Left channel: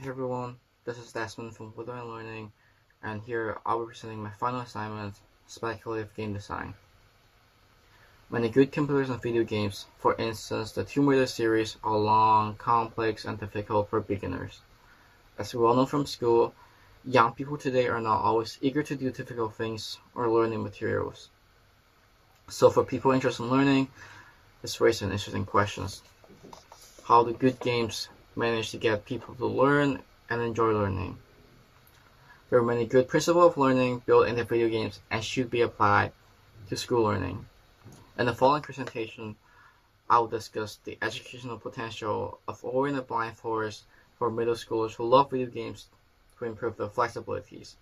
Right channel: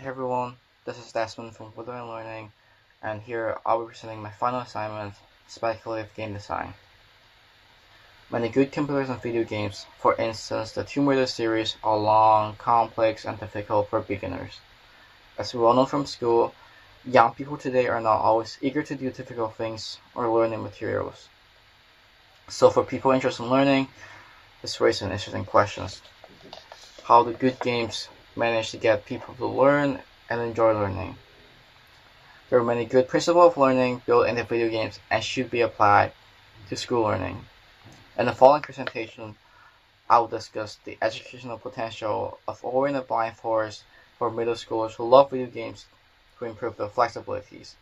Hey everyone, this is Desmond from Learning, and here I'll be presenting my final assignment, speculative game design. Many good computers and video games, for instance the Tomb Raider series, are long, complex, and difficult for beginners. As we all know from school, young people today are not always eager to do difficult things or learn new materials. So for people interested in learning, this raises an interesting question. How do good games manage to get people to learn and enjoy learning? There are many good principles of learning built into video games and should be applied to school learning. In the following presentation, I will discuss the educational potential of Ori and the Blind Forest for middle schoolers who love video games to improve their flexibilities.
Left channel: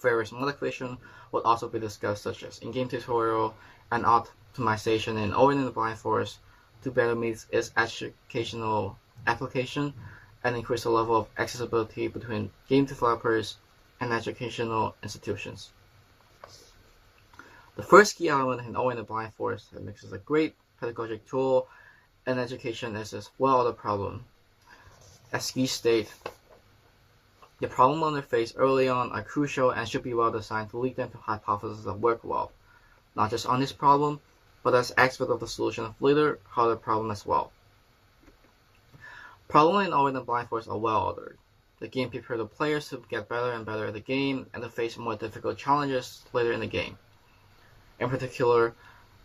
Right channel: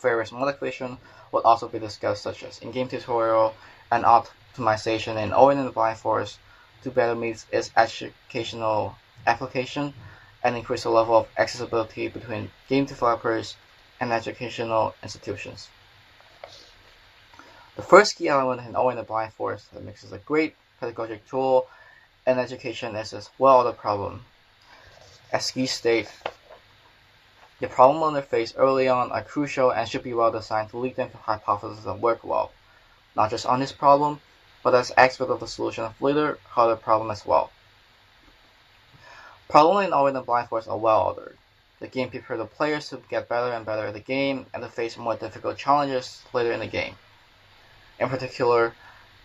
Various motivation will also be discussed, such as in-game tutorial and optimization in Ori and the Blind Forest to better meet its educational application and increase the level of accessibility between game developers and educational institutions. The first key element in Ori and the Blind Forest that makes it a great pedagogic tool in education is its well-ordered problem. As key state, the problem they face early on are crucial and should be well designed to lead them to hypotheses that work well, not just on this problem, but as aspect of the solution of later harder problem as well. Problems in Ori and the Blind Forest are well ordered. The game prepares the players to get better and better at the game and to face more difficult challenges later in the game. In particular,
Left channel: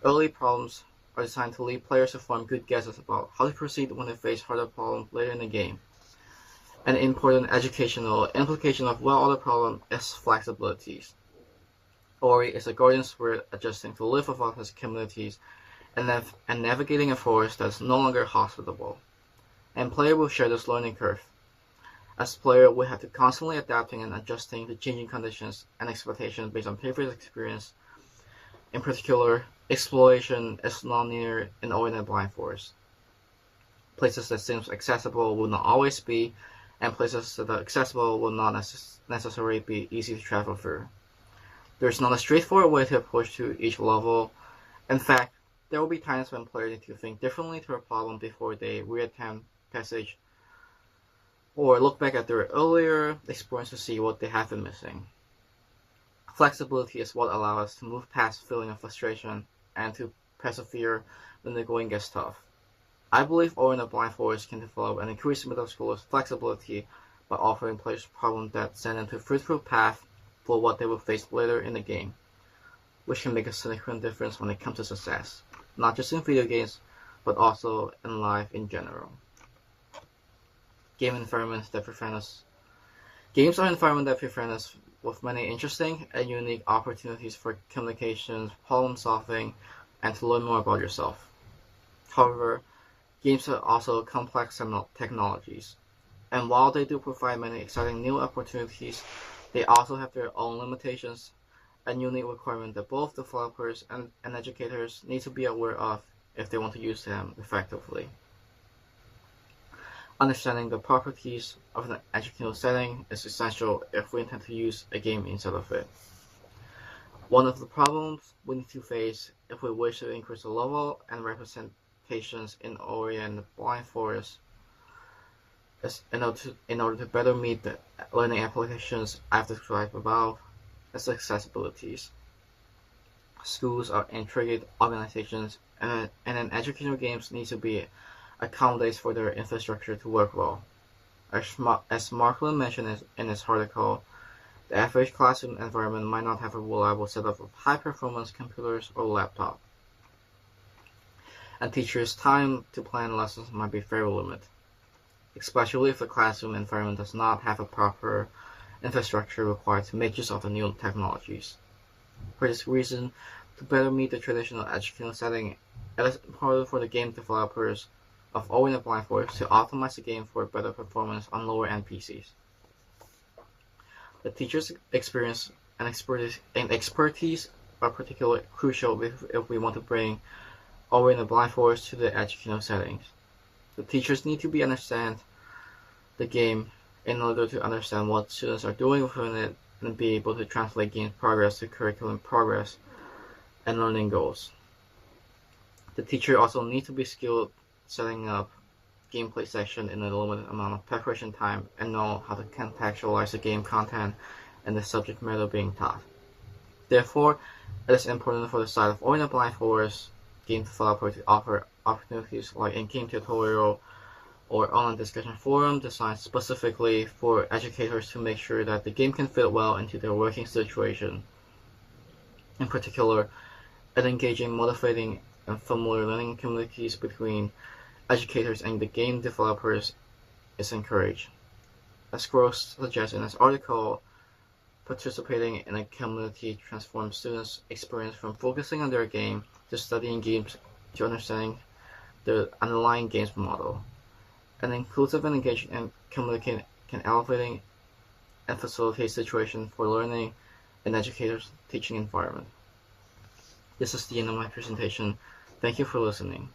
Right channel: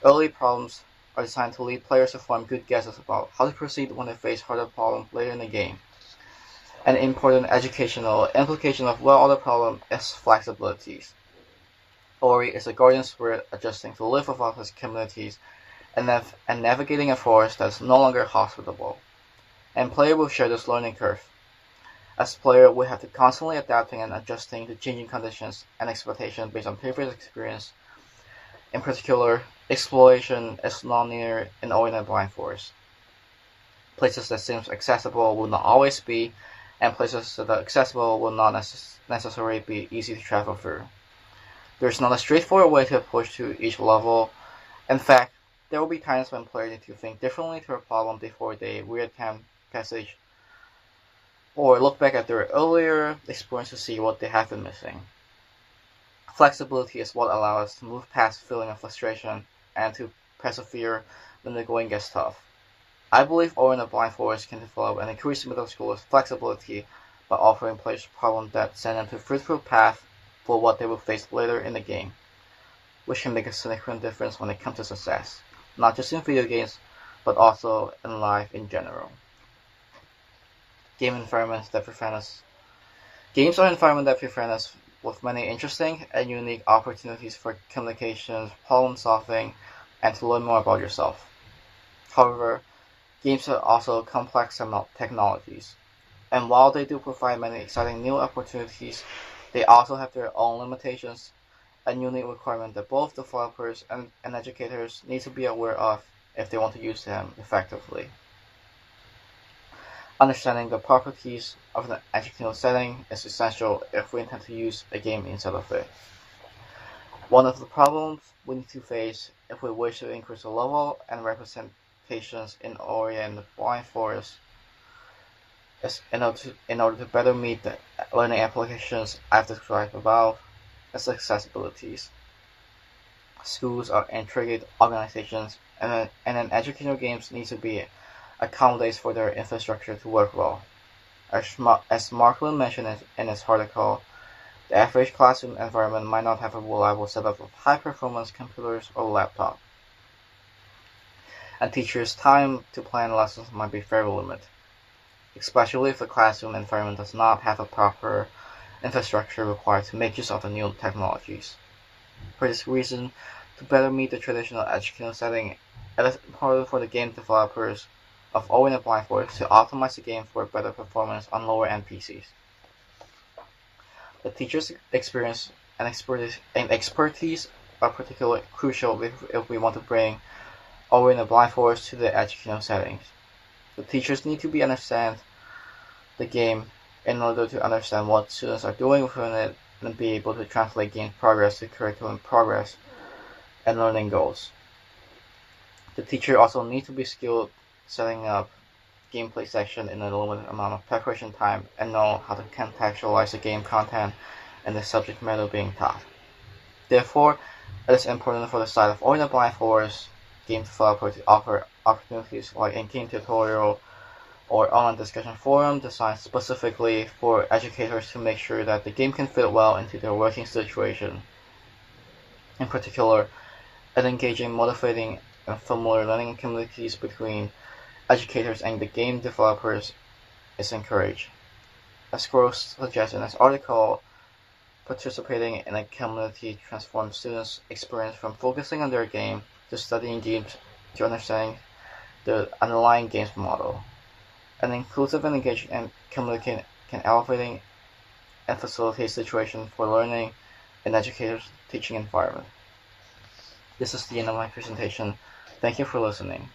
early problems are designed to lead players to form good guesses about how to proceed when they face harder problems later in the game. An important educational implication of well-ordered problem is flexibilities. Ori is a guardian spirit adjusting to live without his communities and navigating a forest that is no longer hospitable. And player will share this learning curve. As player, we have to constantly adapting and adjusting to changing conditions and expectations based on previous experience. In particular, exploration is non-linear in Ori and the Blind Forest. Places that seem accessible will not always be, and places that are accessible will not necessarily be easy to travel through. There is not a straightforward way to approach to each level. In fact, there will be times when players need to think differently to a problem before they reattempt passage or look back at their earlier experience to see what they have been missing. Flexibility is what allows us to move past feeling of frustration and to persevere when the going gets tough. I believe Ori and the Blind Forest can develop and increase middle schoolers' flexibility by offering players problems that send them to a fruitful path for what they will face later in the game, which can make a significant difference when it comes to success, not just in video games, but also in life in general. Game environments that prevent us. Games are environments that present us with many interesting and unique opportunities for communications, problem solving, and to learn more about yourself. However, games are also complex technologies, and while they do provide many exciting new opportunities, they also have their own limitations and unique requirements that both developers and educators need to be aware of if they want to use them effectively. Understanding the properties of an educational setting is essential if we intend to use a game inside of it. One of the problems we need to face if we wish to increase the level and representations in Ori and the Blind Forest is in order to better meet the learning applications I've described above is accessibilities. Schools are intricate organizations and an educational games needs to be accommodates for their infrastructure to work well. As Markland mentioned in his article, the average classroom environment might not have a reliable setup of high-performance computers or laptop, and teachers' time to plan lessons might be very limited, especially if the classroom environment does not have a proper infrastructure required to make use of the new technologies. For this reason, to better meet the traditional educational setting, it is important for the game developers of Ori and the Blind Forest to optimize the game for better performance on lower-end PCs. The teacher's experience and expertise are particularly crucial if we want to bring Ori and the Blind Forest to the educational settings. The teachers need to understand the game in order to understand what students are doing within it and be able to translate game progress to curriculum progress and learning goals. The teacher also needs to be skilled setting up gameplay section in a limited amount of preparation time and know how to contextualize the game content and the subject matter being taught. Therefore, it is important for the side of Oi the Blind Forest game developer to offer opportunities like in-game tutorial or online discussion forum designed specifically for educators to make sure that the game can fit well into their working situation. In particular, an engaging, motivating, and familiar learning communities between educators and the game developers is encouraged. As Gross suggests in his article, participating in a community transforms students' experience from focusing on their game to studying games to understanding the underlying game's model. An inclusive and engaging community can elevate and facilitate situations for learning in educators' teaching environment. This is the end of my presentation. Thank you for listening.